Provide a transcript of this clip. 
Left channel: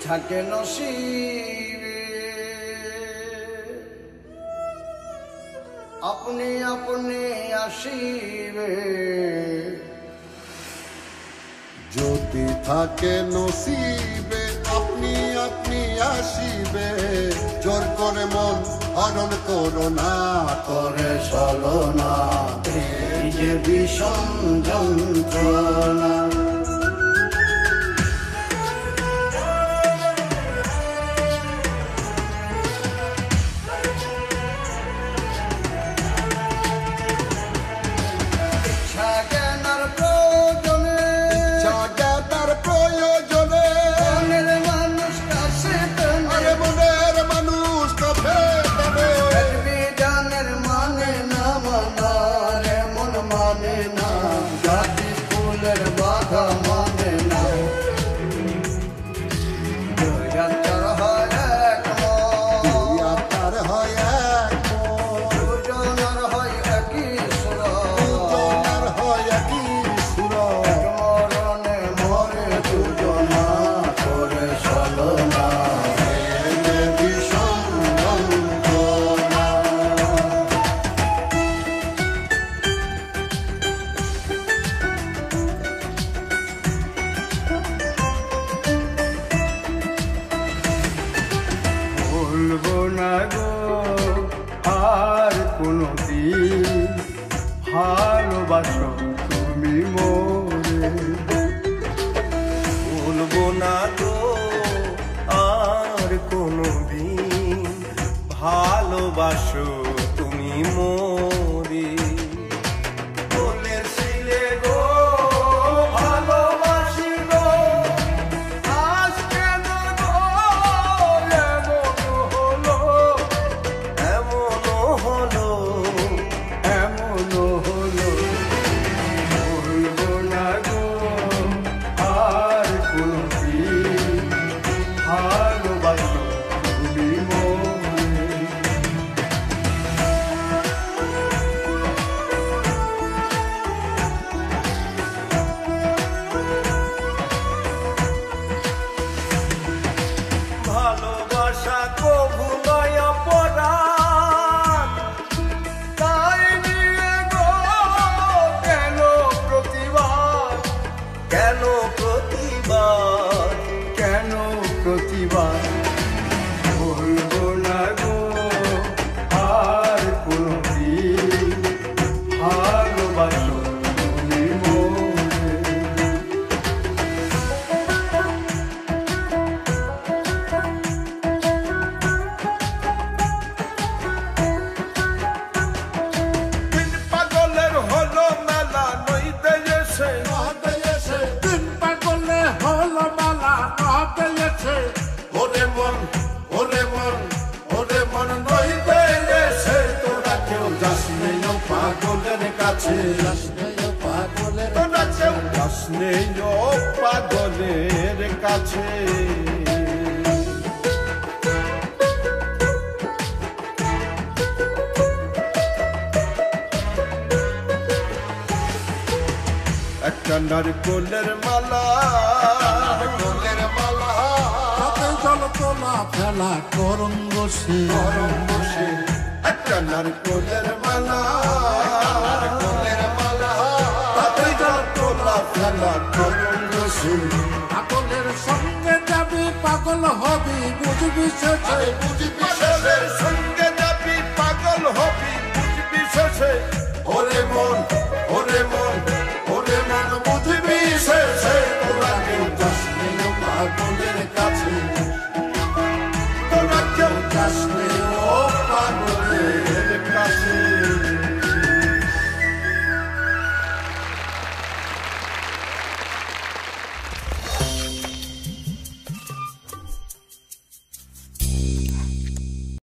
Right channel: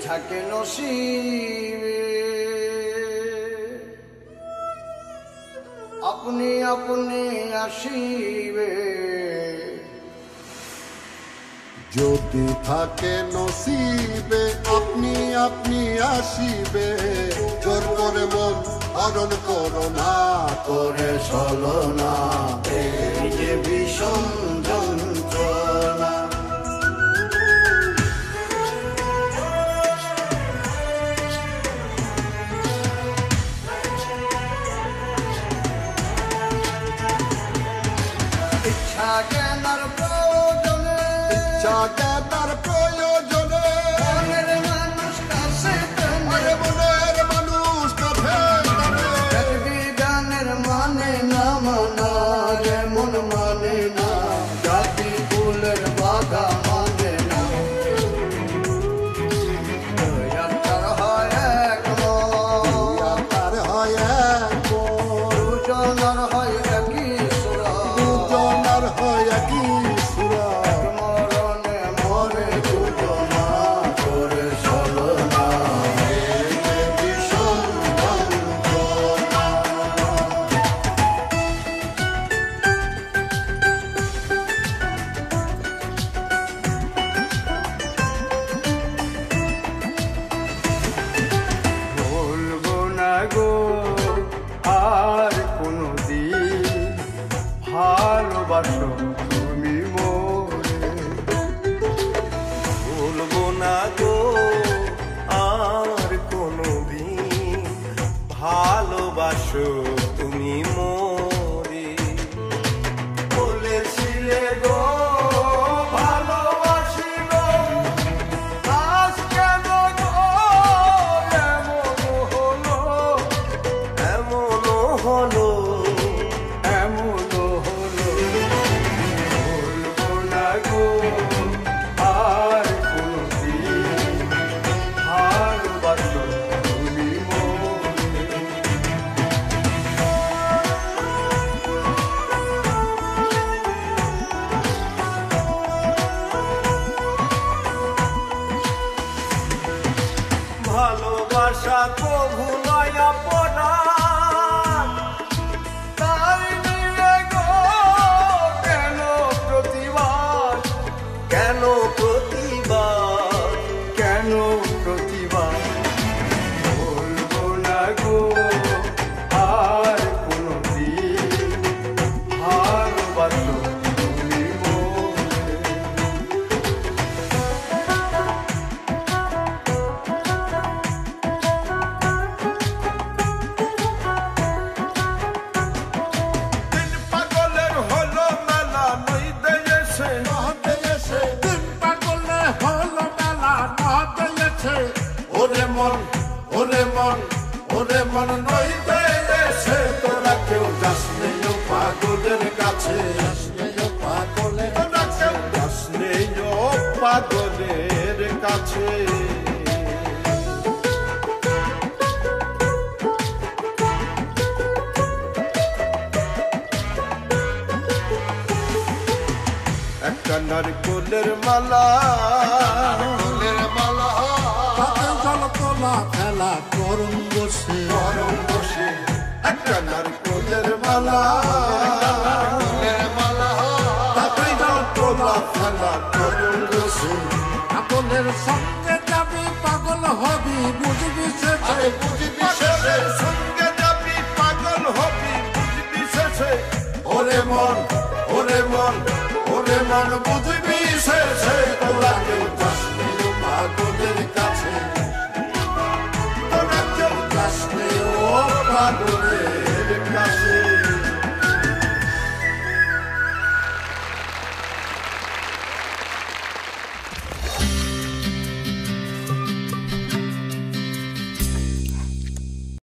থাকে নসিবে আপনি আপনি আসিবে যদি থাকে নসিবে আপনি আপনি আসিবে জোর করে মন হরণ করো না করে ছলনা এই যে বিষম যন্ত্রণা ইচ্ছা জ্ঞানার প্রয়োজনে মনের মানুষ কাছে টানে মনের মানুষ কাছে টানে বিধানের মানে না মানা রে মন মানে না জাতি কুলের বাধা মানে না দুই আত্মার হয় এক মন আত্মার হয় এক মন দুজনের হয় একই সুরা দুজনার হয় একই সুরা এক মরণে মরে দুজনা করে ছলনা এই যে বিষম যন্ত্রণা বলবো না গো আর কোনদিন ভালোবাসো তুমি মোরে বলবো না গো আর কোনোদিন ভালোবাসো তুমি মোরে বলেছিলে গো ভালোবাসি গো আজ কেন গো এমন হলো এমনও হলো বলবো না গো আর কোনদিন ভালোবাসো তুমি মোরে ভালোবাসা কভু নয় অপরাধ তাই নিয়ে গো কেন প্রতিবাদ কেন প্রতিবাদ কেন প্রতিবাদ বলবো না গো আর কোনদিন ভালোবাসো তুমি মোরে তিন পাগলের হলো মেলা নই দেয়েছে দিন পাগলে হলো মেলা না দিয়েছে ওরে মন ওরে মন ওরে মন নই দেয়েছে তোরা কেউ যাস নেই ও পাগলের কাছে তোরা কেউ যাস নেই ও পাগলের কাছে একটা নারকোলের মালা হাতে জল তোলা ফেলা করুন বসে একটা নারকোলের মালা তাতে জল তোলা ফেলা করুন বসে পাগলের সঙ্গে যাবি পাগল হবি বুঝবি শেষে পাগলের সঙ্গে যাবি পাগল হবি বুঝবি শেষে ওরে মন ওরে মন ওরে মন বুঝবি